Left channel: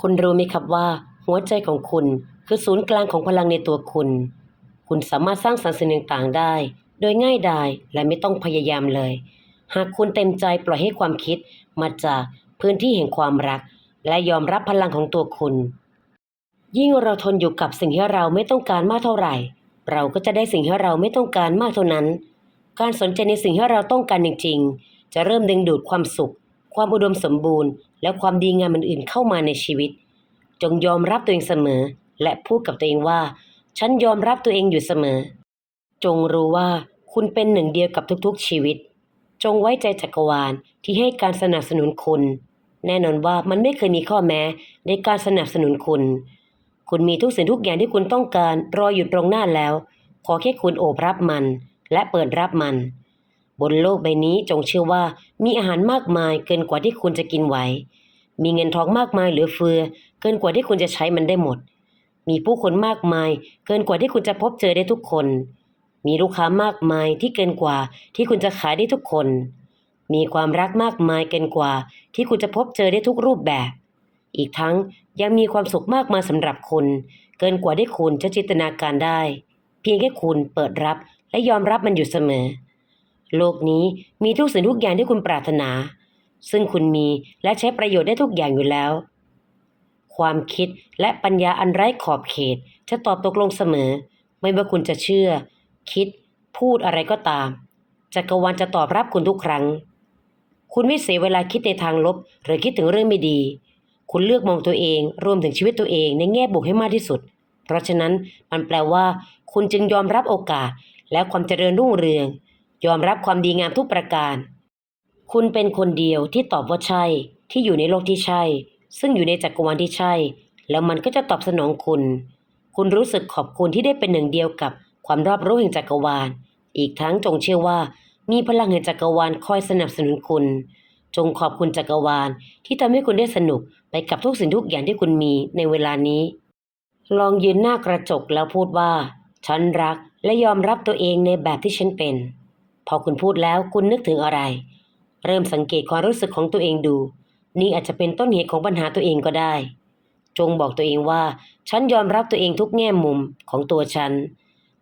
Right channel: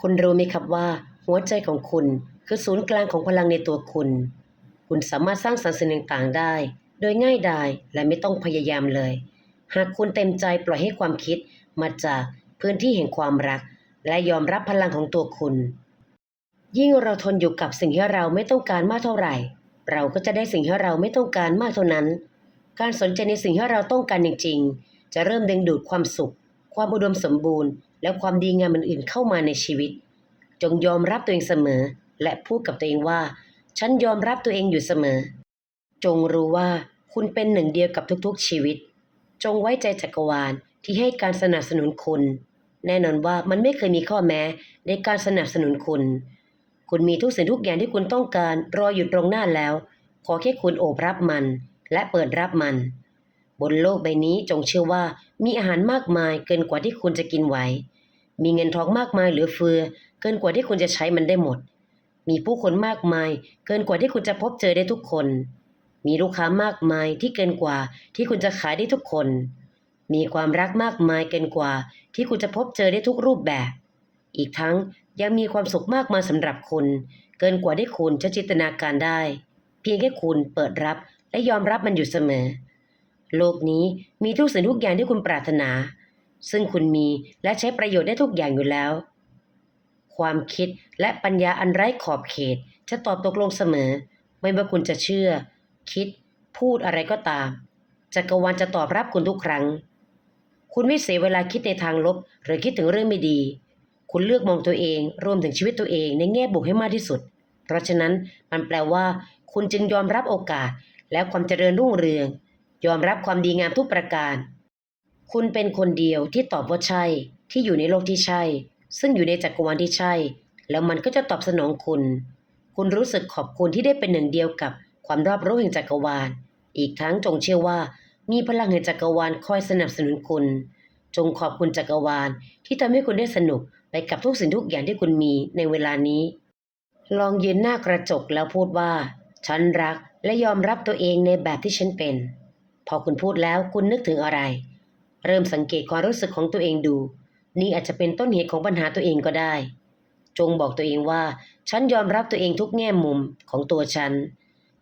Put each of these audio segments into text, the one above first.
คุณรู้ไหมครับว่า หัวใจของคุณคือศูนย์กลางของพลังในตัวคุณ คุณสามารถสร้างสรรค์สิ่งต่างๆได้ โดยง่ายดายและไม่ต้องพยายามเลย หากคุณเต็มใจปล่อยให้ความคิดมาจากพื้นที่แห่งความรัก และยอมรับพลังของตัวคุณ ยิ่งเราทนอยู่กับสิ่งที่เราไม่ต้องการมากเท่าไหร่ เราก็จะได้สิ่งที่เราไม่ต้องการมากเท่านั้น การสนใจในสิ่งที่เราต้องการจริง ๆ จะเริ่มดึงดูดความสุข ความอุดมสมบูรณ์ และความดีงามอื่นๆเข้ามาในชีวิต จงยอมรับตัวเองเสมอ และพูดกับตัวเองว่า ฉันยอมรับตัวเองอยู่เสมอ จงรู้ว่าคุณเป็นหนึ่งเดียวกับทุกๆชีวิต จงไว้ใจจักรวาลที่ให้การสนับสนุนคุณ แน่นอนว่ามันไม่เคยมีข้อแม้ในการสนับสนุนคุณ คุณมีทุกสิ่งทุกอย่างที่คุณต้องการรออยู่ตรงหน้าแล้ว ขอแค่คุณโอบรับมัน และเปิดรับมัน บนโลกใบนี้จงเชื่อว่ามีอาหารมากมายเกินกว่าที่คุณจะกินไหว มีเงินทองมากมายเหลือเฟือ เกินกว่าที่คุณจะใช้มันได้หมด มีผู้คนมากมาย เกินกว่าที่คุณจะพบเจอได้ทุกคน มีลูกค้ามากมายที่เกินกว่าที่คุณจะขายได้ทุกคน มีความรักมากมายเกินกว่าที่คุณจะพบเจอได้ทุกรูปแบบ อีกทั้งยังมีความสุขมากมายสำหรับคุณ เกินกว่าที่คุณจะจินตนาการได้ เพียงแค่คุณเปิดรับและยอมรับมันอยู่เสมอ โลกนี้มีทุกสิ่งทุกอย่างที่คุณปรารถนา ซึ่งคุณมีและใช้ประโยชน์ได้ทุกอย่างอยู่แล้ว ความคิดและปัญญาอันไร้ขอบเขตจะตอบตกลงเสมอ ไม่ว่าคุณจะเชื่อ คิด พูดอะไรก็ตามจักรวาลจะตอบรับคุณทุกครั้ง คุณไม่เสียเวลาคิดในทางลบ หรือคิดถึงเรื่องไม่ดี คุณเลือกมองตัวเองรวมถึงชีวิตตัวเองในแง่บวกให้มากที่สุด เพราะฉะนั้นมันแปลว่า คุณจึงยอมรับโอกาสและความเจริญรุ่งเรือง ยอมรับความดีงามทุกประการ คุณเป็นคนเดียวที่ตอบว่าใช่ ที่อยู่ในโลกที่ใช่ ซึ่งอยู่ในจักรวาลที่ใช่ แล้วมันก็จะตอบสนองคุณ คุณรู้สึกขอบคุณที่ได้เป็นหนึ่งเดียวกับความรอบรู้แห่งจักรวาล อีกทั้งจงเชื่อว่า มีพลังแห่งจักรวาลคอยสนับสนุนคุณ จงขอบคุณจักรวาลที่ทำให้คุณได้สนุกไปกับทุกสิ่งทุกอย่างที่คุณมีในเวลานี้ ลองยืนหน้ากระจกแล้วพูดว่า ฉันรักและยอมรับตัวเองในแบบที่ฉันเป็น พอคุณพูดแล้วคุณนึกถึงอะไร เริ่มสังเกตความรู้สึกของตัวเองดู นี่อาจจะเป็นต้นเหตุของปัญหาตัวเองก็ได้ จงบอกตัวเองว่า ฉันยอมรับตัวเองทุกแง่มุมของตัวฉัน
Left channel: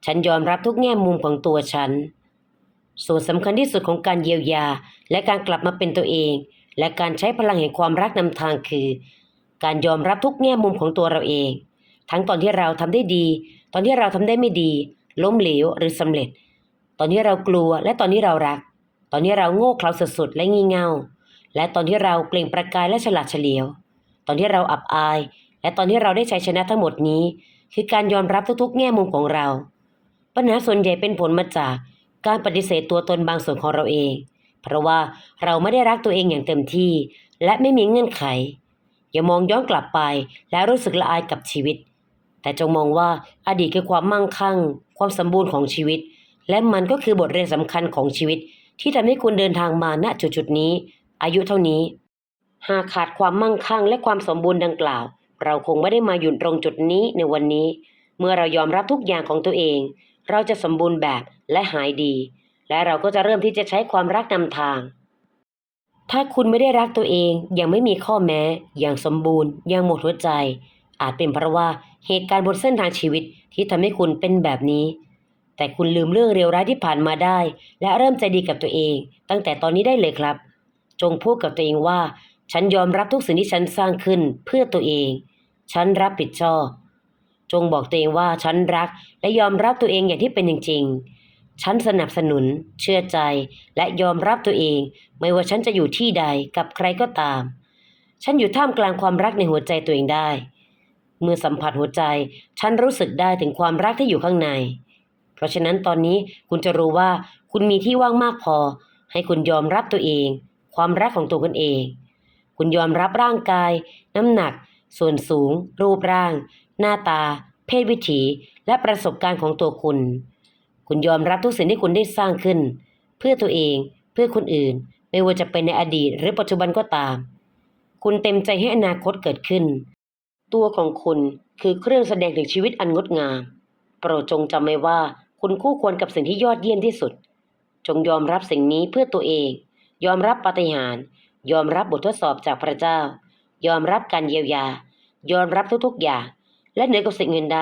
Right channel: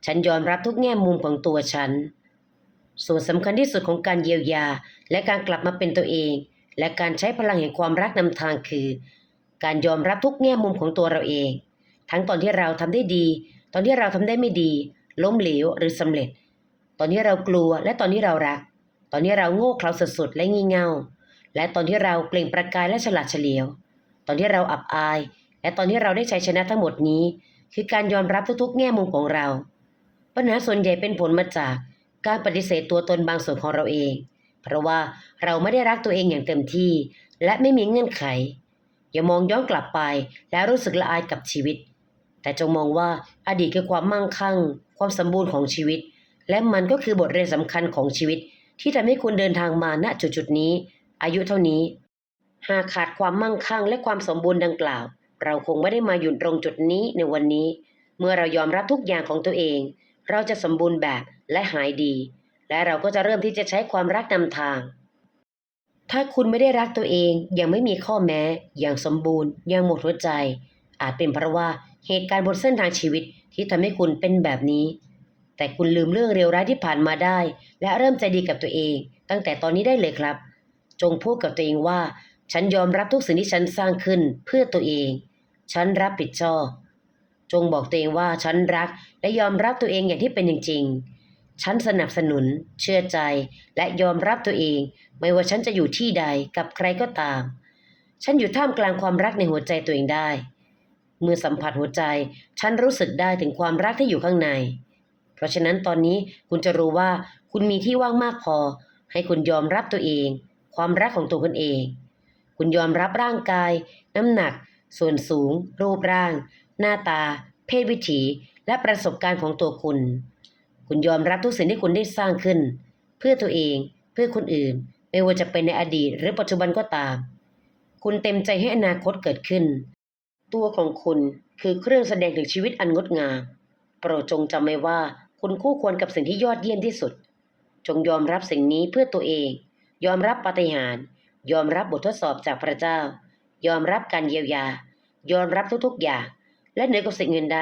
ฉันยอมรับทุกแง่มุมของตัวฉัน ส่วนสำคัญที่สุดของการเยียวยา และการกลับมาเป็นตัวเอง และการใช้พลังแห่งความรักนำทางคือ การยอมรับทุกแง่มุมของตัวเราเอง ทั้งตอนที่เราทำได้ดี ตอนที่เราทำได้ไม่ดี ล้มเหลวหรือสำเร็จ ตอนที่เรากลัวและตอนที่เรารัก ตอนที่เราโง่เขลาสุดๆและงี่เง่า และตอนที่เราเปล่งประกายและฉลาดเฉลียว ตอนที่เราอับอาย และตอนที่เราได้ชัยชนะทั้งหมดนี้ คือการยอมรับทุกๆ แง่มุมของเรา ปัญหาส่วนใหญ่เป็นผลมาจากการปฏิเสธตัวตนบางส่วนของเราเอง เพราะว่าเราไม่ได้รักตัวเองอย่างเต็มที่ และไม่มีเงื่อนไข อย่ามองย้อนกลับไปและรู้สึกละอายกับชีวิต แต่จงมองว่าอดีตคือความมั่งคั่ง ความสมบูรณ์ของชีวิต และมันก็คือบทเรียนสำคัญของชีวิต ที่ทำให้คุณเดินทางมาณจุดๆนี้ อายุเท่านี้ หากขาดความมั่งคั่งและความสมบูรณ์ดังกล่าว เราคงไม่ได้มาอยู่ตรงจุดนี้ในวันนี้ เมื่อเรายอมรับทุกอย่างของตัวเอง เราจะสมบูรณ์แบบและหายดี และเราก็จะเริ่มที่จะใช้ความรักนำทาง ถ้าคุณไม่ได้รักตัวเองยังไม่มีข้อแม้ อย่างสมบูรณ์ย่างหมดหัวใจ อาจเป็นเพราะว่าเหตุการณ์บนเส้นทางชีวิตที่ทำให้คุณเป็นแบบนี้ แต่คุณลืมเรื่องเลวร้ายที่ผ่านมาได้ และเริ่มใจดีกับตัวเอง ตั้งแต่ตอนนี้ได้เลยครับ จงพูดกับตัวเองว่า ฉันยอมรับทุกสิ่งที่ฉันสร้างขึ้นเพื่อตัวเอง ฉันรับผิดชอบ จงบอกตัวเองว่าฉันรักและยอมรับตัวเองอย่างที่เป็นจริงๆฉันสนับสนุน เชื่อใจ และยอมรับตัวเอง ไม่ว่าฉันจะอยู่ที่ใดกับใครก็ตาม ฉันอยู่ท่ามกลางความรักในหัวใจตัวเองได้ เมื่อสัมผัสหัวใจ ฉันรู้สึกได้ถึงความรักที่อยู่ข้างใน เพราะฉะนั้นตอนนี้คุณจะรู้ว่าคุณมีที่ว่างมากพอ ให้คุณยอมรับตัวเอง ความรักของตัวคุณเอง คุณยอมรับร่างกาย น้ำหนัก ส่วนสูง รูปร่าง หน้าตา เพศวิถี และประสบการณ์ของตัวคุณ คุณยอมรับทุกสิ่งที่คุณได้สร้างขึ้น เพื่อตัวเองเพื่อคนอื่น ไม่ว่าจะเป็นในอดีตหรือปัจจุบันก็ตาม คุณเต็มใจให้อนาคตเกิดขึ้น ตัวของคุณคือเครื่องแสดงถึงชีวิตอันงดงาม โปรดจงจำไว้ว่า คุณคู่ควรกับสิ่งที่ยอดเยี่ยมที่สุด จงยอมรับสิ่งนี้เพื่อตัวเอง ยอมรับปาฏิหาริย์ยอมรับบททดสอบจากพระเจ้า ยอมรับการเยียวยา ยอมรับทุกๆอย่าง และเหนือกว่าสิ่งอื่นใด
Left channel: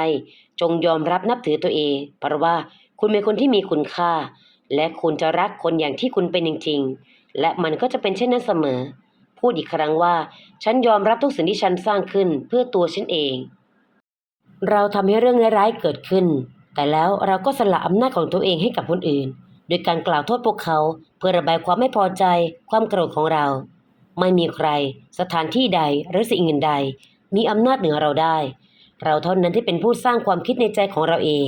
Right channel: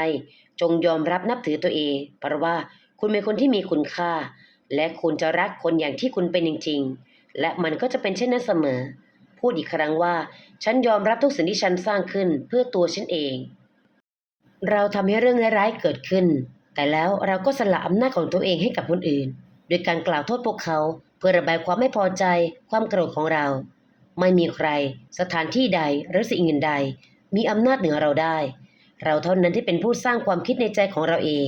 จงยอมรับนับถือตัวเอง เพราะว่าคุณเป็นคนที่มีคุณค่า และคุณจะรักคนอย่างที่คุณเป็นจริงๆ และมันก็จะเป็นเช่นนั้นเสมอ พูดอีกครั้งว่า ฉันยอมรับทุกสิ่งที่ฉันสร้างขึ้นเพื่อตัวฉันเอง เราทำให้เรื่องร้ายๆเกิดขึ้น แต่แล้วเราก็สละอำนาจของตัวเองให้กับคนอื่น โดยการกล่าวโทษพวกเขาเพื่อระบายความไม่พอใจความโกรธของเรา ไม่มีใคร สถานที่ใดหรือสิ่งอื่นใด มีอำนาจเหนือเราได้ เราเท่านั้นที่เป็นผู้สร้างความคิดในใจของเราเอง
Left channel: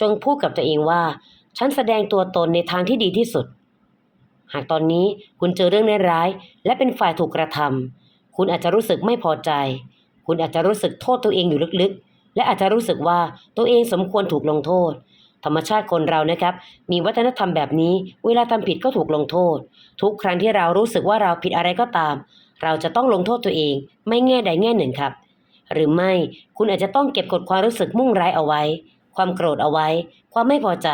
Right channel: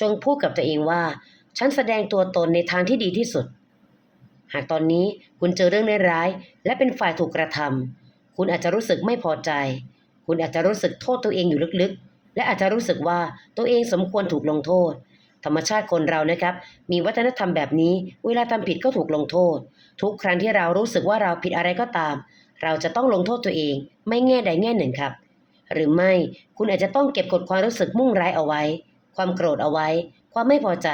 จงพูดกับตัวเองว่า ฉันแสดงตัวตนในทางที่ดีที่สุด หากตอนนี้คุณเจอเรื่องร้ายและเป็นฝ่ายถูกกระทำคุณอาจจะรู้สึกไม่พอใจ คุณอาจจะรู้สึกโทษตัวเองอยู่ลึกๆ และอาจจะรู้สึกว่าตัวเองสมควรถูกลงโทษ ธรรมชาติคนเรานะครับ มีวัฒนธรรมแบบนี้ เวลาทำผิดก็ถูกลงโทษ ทุกครั้งที่เรารู้สึกว่าเราผิดอะไรก็ตาม เราจะต้องลงโทษตัวเอง ไม่แง่ใดแง่หนึ่งครับ หรือไม่คุณอาจจะต้องเก็บกดความรู้สึกมุ่งร้ายเอาไว้ ความโกรธเอาไว้ ความไม่พอใจ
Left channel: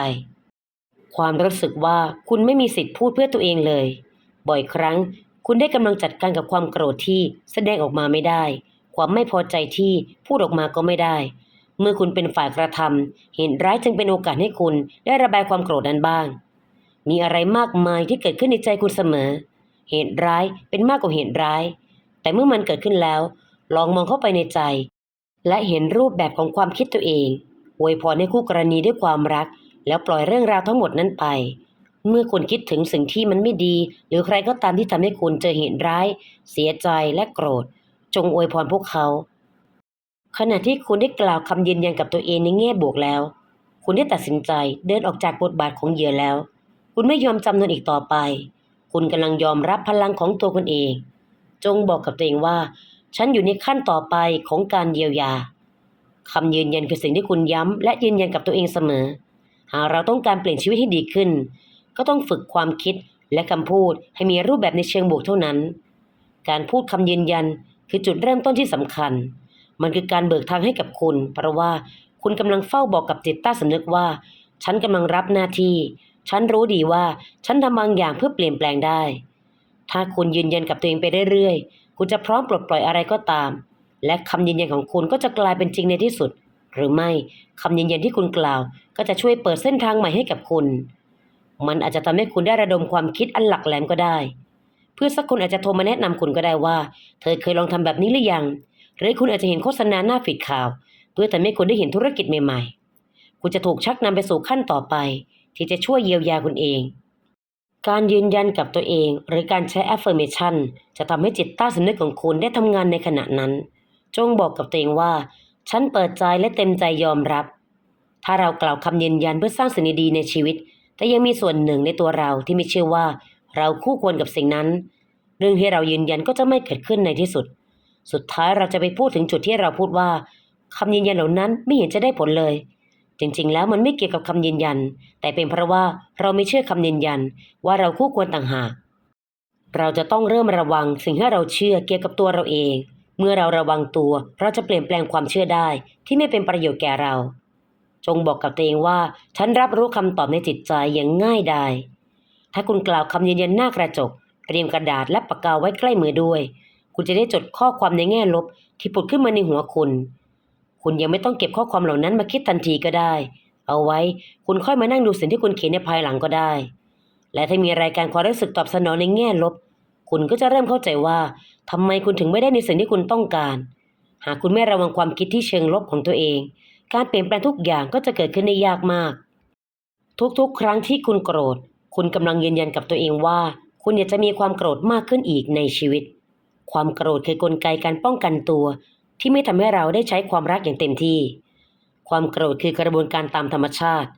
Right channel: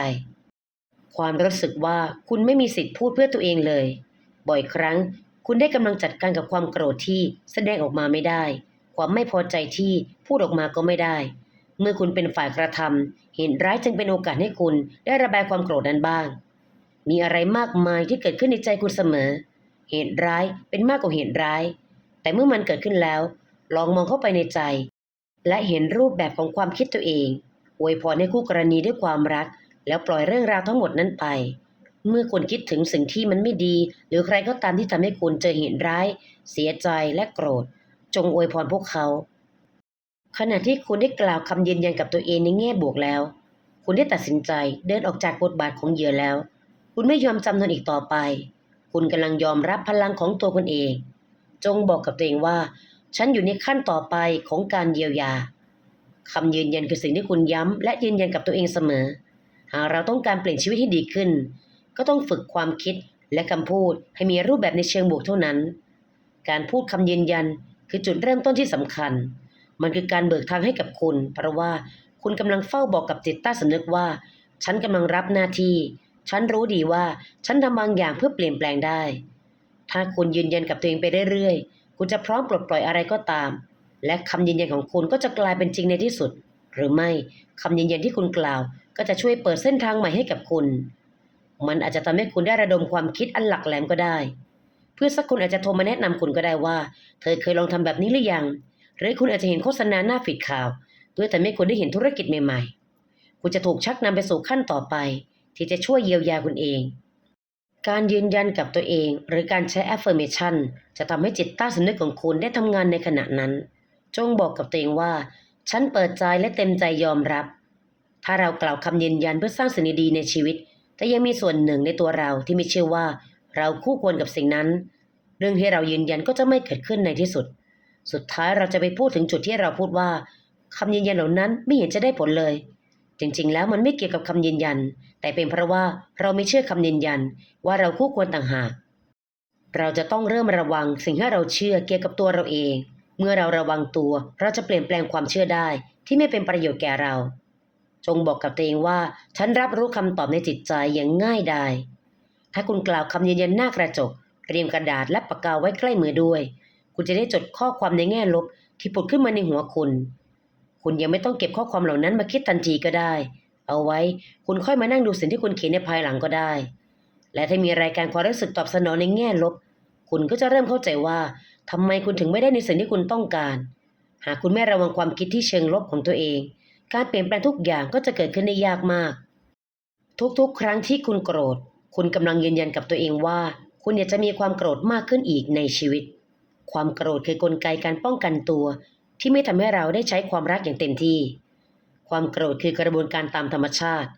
ความรู้สึกว่าคุณไม่มีสิทธิ์พูดเพื่อตัวเองเลย บ่อยครั้ง คุณได้กำลังจัดการกับความโกรธที่แสดงออกมาไม่ได้ ความไม่พอใจที่พูดออกมาก็ไม่ได้ เมื่อคุณเป็นฝ่ายกระทำเหตุร้ายจึงเป็นโอกาสให้คุณได้ระบายความโกรธนั้นบ้าง มีอะไรมากมายที่เกิดขึ้นในใจคุณเสมอ เหตุร้ายเป็นมากกว่าเหตุร้าย แต่เมื่อมันเกิดขึ้นแล้ว ลองมองเข้าไปในใจ และเห็นรูปแบบของความคิดตัวเองอวยพรให้คู่กรณีด้วยความรัก แล้วปล่อยเรื่องราวทั้งหมดนั้นไป เมื่อคุณคิดถึงสิ่งที่มันไม่ดี หรือใครก็ตามที่ทำให้คุณเจอเหตุร้าย เสียใจและโกรธ จงอวยพรพวกเขา ขณะที่คุณได้กล่าวคำยืนยันกับตัวเองในแง่บวกแล้ว คุณได้ตัดสินใจเดินออกจากบทบาทของเหยื่อแล้ว คุณไม่ยอมจำนนอีกต่อไป คุณกำลังยอมรับพลังของตัวคุณเอง จงบอกกับตัวเองว่า ฉันอยู่ในขั้นต่อไปของการเยียวยาคำยืนยันคือสิ่งที่คุณย้ำและยืนยันกับตัวเองเสมอ หากเราต้องการเปลี่ยนชีวิตให้ดีขึ้น ก็ต้องฝึกความคิดและคำพูดให้มีรูปแบบในเชิงบวกเท่านั้น การพูดคำยืนยัน คือจุดเริ่มต้นที่สำคัญ มันคือการเบิกทางให้กับคุณ เพราะว่าคุณกำลังเฝ้าบอกกับจิตใต้สำนึกว่า ฉันกำลังรับหน้าที่ ฉันรู้ดีว่าฉันทำบางอย่างเพื่อเปลี่ยนแปลงได้ ถ้าคุณยืนยันกับตัวเองไปเรื่อยๆ คุณจะพร้อมปลดปล่อยอะไรก็ตาม และคำยืนยันของคุณก็จะกลายเป็นจริงในที่สุด หรือไม่คำยืนยันที่คุณกล่าว ก็จะช่วยเปิดเส้นทางใหม่ให้กับคุณ มันอาจจะทำให้คุณได้ระดมความคิดอันหลักแหลมก็ได้ เพื่อนสักคนอาจจะโทรมาแนะนำคุณก็ได้ว่า เธอเคยลองทำแบบนี้หรือยัง หรือคุณอาจจะเห็นโฆษณาหน้าฟีดข่าวเพื่อทำให้คุณได้เห็นธุรกิจใหม่ๆ คุณจะถูกชักนำไปสู่ขั้นต่อไป ที่จะช่วยเยียวยาคุณเอง การยืนยันกับตัวเอง หรือการใช้ affirmation จะทำให้จิตใต้สำนึกของคุณได้ทำงานในขณะนั้น จงบอกกับตัวเองว่า ฉันเปิดใจและเต็มใจยอมรับ ถ้าเรากล่าวคำยืนยันเพื่อสร้างสิ่งดีๆในชีวิต แต่ยังมีส่วนหนึ่งในตัวเราที่ไม่เชื่อว่า เราคู่ควรกับสิ่งนั้น เรื่องที่เรายืนยันก็จะไม่เกิดขึ้นในที่สุด สุดท้ายเราจะไปพูดถึงจุดที่เราพูดว่าคำยืนยันเหล่านั้นไม่เห็นจะได้ผลเลย จริงๆ แล้วมันไม่เกี่ยวกับคำยืนยัน แต่เป็นเพราะว่าเราไม่เชื่อคำยืนยัน ว่าเราคู่ควรต่างหาก เราจะต้องเริ่มระวังสิ่งที่เราเชื่อเกี่ยวกับตัวเราเอง เมื่อเราระวังตัว เราจะเปลี่ยนแปลงความเชื่อได้ ที่ไม่เป็นประโยชน์แก่เรา จงบอกกับตัวเองว่า ฉันรับรู้คำตอบในจิตใจอย่างง่ายดาย ถ้าคุณกล่าวคำยืนยันหน้ากระจก เตรียมกระดาษและปากกาไว้ใกล้มือด้วย คุณจะได้จดข้อความในแง่ลบที่ผุดขึ้นมาในหัวคุณ คุณยังไม่ต้องเก็บข้อความเหล่านั้นมาคิดทันทีก็ได้ เอาไว้คุณค่อยมานั่งดูสิ่งที่คุณเขียนในภายหลังก็ได้ และถ้ามีรายการความรู้สึกตอบสนองในแง่ลบ คุณก็จะเริ่มเข้าใจว่าทำไมคุณถึงไม่ได้ในสิ่งที่คุณต้องการ หากคุณไม่ระวังความคิดที่เชิงลบของตัวเอง การเปลี่ยนแปลงทุกอย่างก็จะเกิดขึ้นได้ยากมาก ทุกๆ ครั้งที่คุณโกรธ คุณกำลังยืนยันกับตัวเองว่า คุณอยากจะมีความโกรธมากขึ้นอีกในชีวิต ความโกรธคือกลไกการป้องกันตัว ที่ไม่ทำให้เราได้ใช้ความรักอย่างเต็มที่ ความโกรธคือกระบวนการตามธรรมชาติ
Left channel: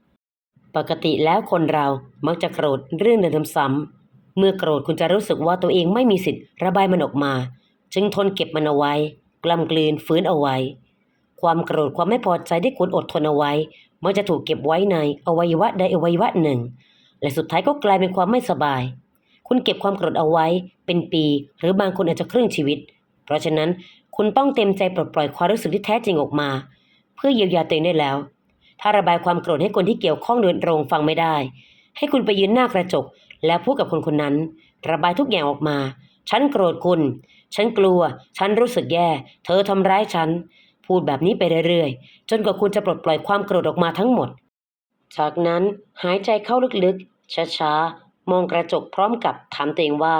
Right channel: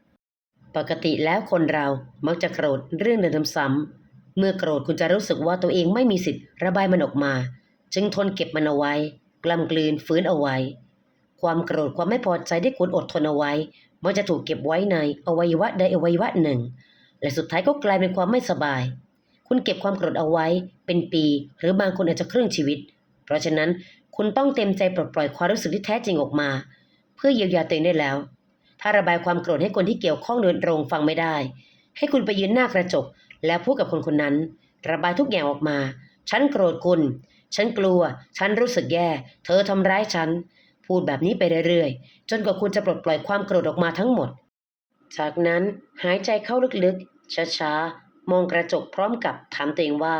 ปกติแล้วคนเรามักจะโกรธเรื่องเดิมซ้ำๆเมื่อโกรธคุณจะรู้สึกว่าตัวเองไม่มีสิทธิ์ระบายมันออกมา จึงทนเก็บมันเอาไว้ กล้ำกลืนฝืนเอาไว้ ความโกรธความไม่พอใจที่คุณอดทนเอาไว้มันจะถูกเก็บไว้ในอวัยวะใดอวัยวะหนึ่ง และสุดท้ายก็กลายเป็นความไม่สบาย คุณเก็บความโกรธเอาไว้เป็นปี หรือบางคนอาจจะครึ่งชีวิต เพราะฉะนั้นคุณต้องเต็มใจปลดปล่อยความรู้สึกที่แท้จริงออกมา เพื่อเยียวยาตัวเองได้แล้ว ถ้าระบายความโกรธให้คนที่เกี่ยวข้องโดยตรงฟังไม่ได้ ให้คุณไปยืนหน้ากระจก แล้วพูดกับคนคนนั้น ระบายทุกอย่างออกมา ฉันโกรธคุณ ฉันกลัว ฉันรู้สึกแย่ เธอทำร้ายฉัน พูดแบบนี้ไปเรื่อยๆ จนกว่าคุณจะปลดปล่อยความโกรธออกมาทั้งหมด จากนั้นหายใจเข้าลึกๆ ช้าๆ มองกระจกพร้อมกับถามตัวเองว่า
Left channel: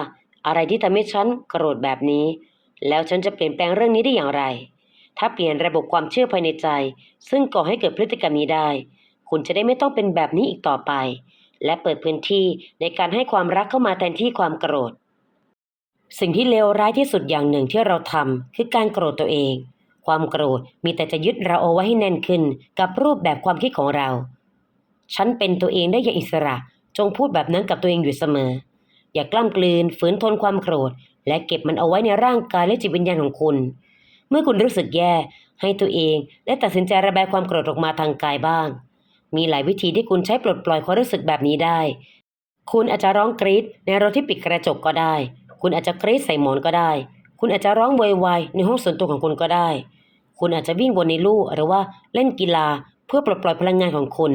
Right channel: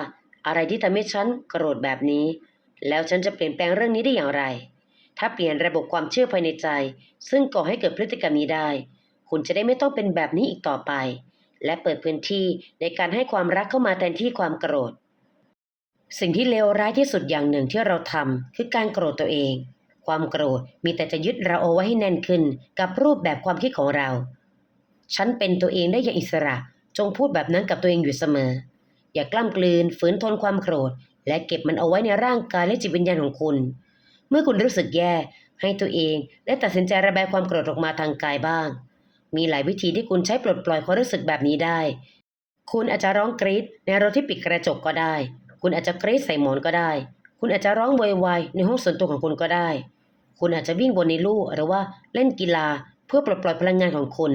อะไรที่ทำให้ฉันโกรธแบบนี้ แล้วฉันจะเปลี่ยนแปลงเรื่องนี้ได้อย่างไร ถ้าเปลี่ยนระบบความเชื่อภายในใจ ซึ่งก่อให้เกิดพฤติกรรมนี้ได้ คุณจะได้ไม่ต้องเป็นแบบนี้อีกต่อไป และเปิดพื้นที่ในการให้ความรักเข้ามาแทนที่ความโกรธ สิ่งที่เลวร้ายที่สุดอย่างหนึ่งที่เราทำคือการโกรธตัวเอง ความโกรธมีแต่จะยึดเราเอาไว้ให้แน่นขึ้นกับรูปแบบความคิดของเรา ฉันเป็นตัวเองได้อย่างอิสระ จงพูดแบบนั้นกับตัวเองอยู่เสมอ อย่ากล้ำกลืนฝืนทนความโกรธ และเก็บมันเอาไว้ในร่างกายและจิตวิญญาณของคุณ เมื่อคุณรู้สึกแย่ ให้ตัวเองได้ตัดสินใจระบายความโกรธออกมาทางกายบ้าง มีหลายวิธีที่คุณใช้ปลดปล่อยความรู้สึกแบบนี้ได้ คุณอาจจะร้องกรีดในรถที่ปิดกระจกก็ได้ คุณอาจจะกรีดใส่หมอนก็ได้ คุณอาจจะร้องโวยวายในห้องส่วนตัวของคุณก็ได้ คุณอาจจะวิ่งบนในลู่หรือว่าเล่นกีฬาเพื่อปลดปล่อยพลังงานของคุณ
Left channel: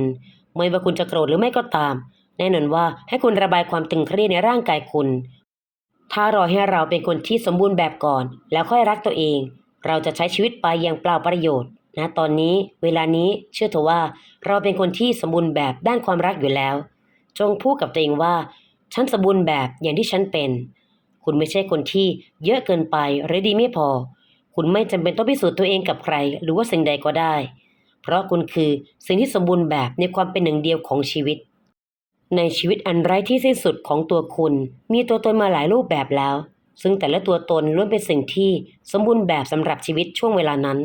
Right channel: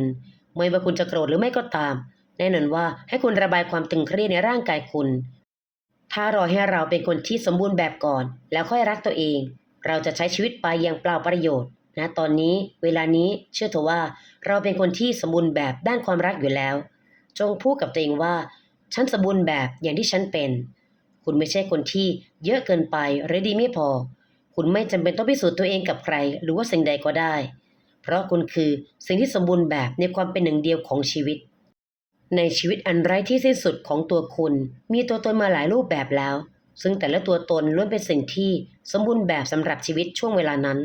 ไม่ว่าคุณจะโกรธหรือไม่ก็ตาม แน่นอนว่าให้คุณระบายความตึงเครียดในร่างกายคุณ ถ้ารอให้เราเป็นคนที่สมบูรณ์แบบก่อน แล้วค่อยรักตัวเอง เราจะใช้ชีวิตไปอย่างเปล่าประโยชน์นะตอนนี้เวลานี้เชื่อเถอะว่า เราเป็นคนที่สมบูรณ์แบบด้านความรักอยู่แล้ว จงพูดกับตัวเองว่า ฉันสมบูรณ์แบบอย่างที่ฉันเป็น คุณไม่ใช่คนที่เยอะเกินไปหรือดีไม่พอ คุณไม่จำเป็นต้องพิสูจน์ตัวเองกับใคร หรือว่าสิ่งใดก็ได้ เพราะคุณคือสิ่งที่สมบูรณ์แบบในความเป็นหนึ่งเดียวของชีวิต ในชีวิตอันไร้ที่สิ้นสุดของตัวคุณ มีตัวตนมาหลายรูปแบบแล้ว ซึ่งแต่ละตัวตนล้วนเป็นสิ่งที่สมบูรณ์แบบสำหรับชีวิตช่วงเวลานั้น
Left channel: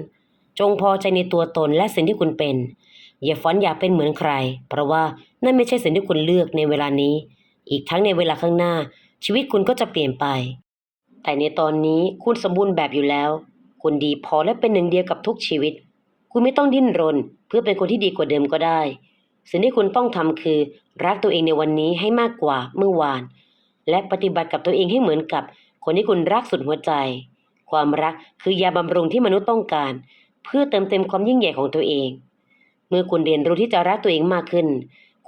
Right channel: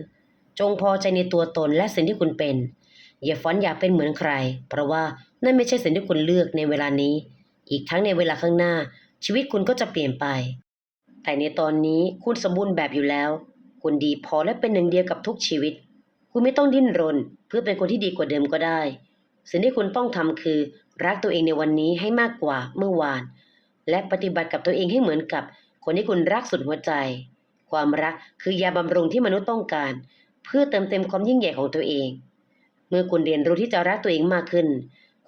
จงพอใจในตัวตนและสิ่งที่คุณเป็น อย่าฝันอยากเป็นเหมือนใคร เพราะว่านั่นไม่ใช่สิ่งที่คุณเลือกในเวลานี้ อีกทั้งในเวลาข้างหน้า ชีวิตคุณก็จะเปลี่ยนไป แต่ในตอนนี้คุณสมบูรณ์แบบอยู่แล้ว คุณดีพอและเป็นหนึ่งเดียวกับทุกชีวิต คุณไม่ต้องดิ้นรน เพื่อเป็นคนที่ดีกว่าเดิมก็ได้ สิ่งที่คุณต้องทำคือ รักตัวเองในวันนี้ให้มากกว่าเมื่อวาน และปฏิบัติกับตัวเองให้เหมือนกับ คนที่คุณรักสุดหัวใจ ความรักคือยาบำรุงที่มนุษย์ต้องการ เพื่อเติมเต็มความยิ่งใหญ่ของตัวเอง เมื่อคุณเรียนรู้ที่จะรักตัวเองมากขึ้น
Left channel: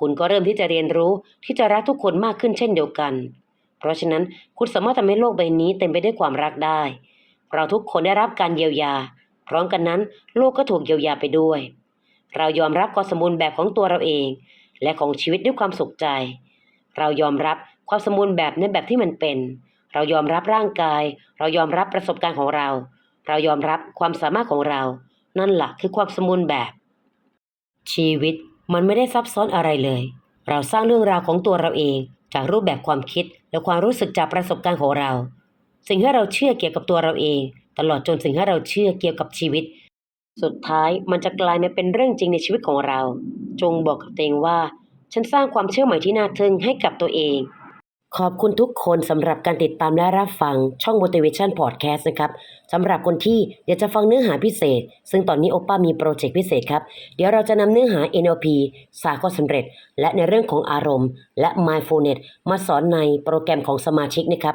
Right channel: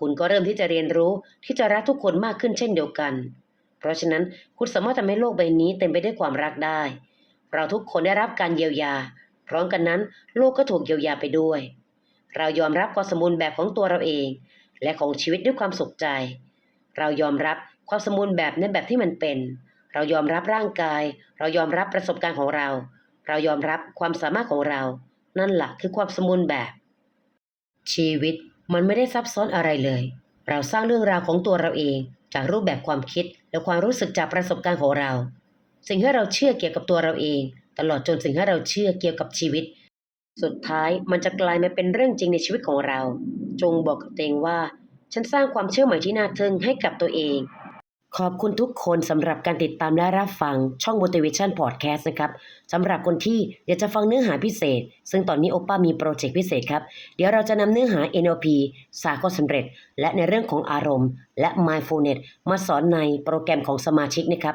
คุณก็เริ่มที่จะเรียนรู้ที่จะรักทุกคนมากขึ้นเช่นเดียวกัน เพราะฉะนั้นคุณสามารถทำให้โลกใบนี้เต็มไปด้วยความรักได้ เราทุกคนได้รับการเยียวยา พร้อมกันนั้นโลกก็ถูกเยียวยาไปด้วย เรายอมรับความสมบูรณ์แบบของตัวเราเอง และของชีวิตด้วยความสุขใจ เรายอมรับความสมบูรณ์แบบในแบบที่มันเป็น เรายอมรับร่างกาย เรายอมรับประสบการณ์ของเรา เรายอมรับความสามารถของเรา นั่นแหละคือความสมบูรณ์แบบ ชีวิตมันไม่ได้ซับซ้อนอะไรเลย เราสร้างเรื่องราวของตัวเราเอง จากรูปแบบความคิดและความรู้สึกจากประสบการณ์ของเรา สิ่งที่เราเชื่อเกี่ยวกับตัวเราเอง ตลอดจนสิ่งที่เราเชื่อเกี่ยวกับชีวิต สุดท้ายมันจะกลายมาเป็นเรื่องจริงในชีวิตของเรา จงบอกกับตัวเองว่า ฉันสร้างความเชื่อใหม่ที่น่าทึ่งให้กับตัวเอง ขอบคุณทุกคนสำหรับการติดตามและรับฟังช่อง Motivation Podcast นะครับสำหรับคนที่อยากจะฟังเนื้อหาพิเศษ ซึ่งตอนนี้โอป้ามีโปรเจกต์พิเศษครับ เดี๋ยวเราจะนำเนื้อหา NLP สากลสำเร็จ และในเรื่องของอารมณ์ และ Mindfulness มาสอนในโปรแกรมของสมาชิกนะครับ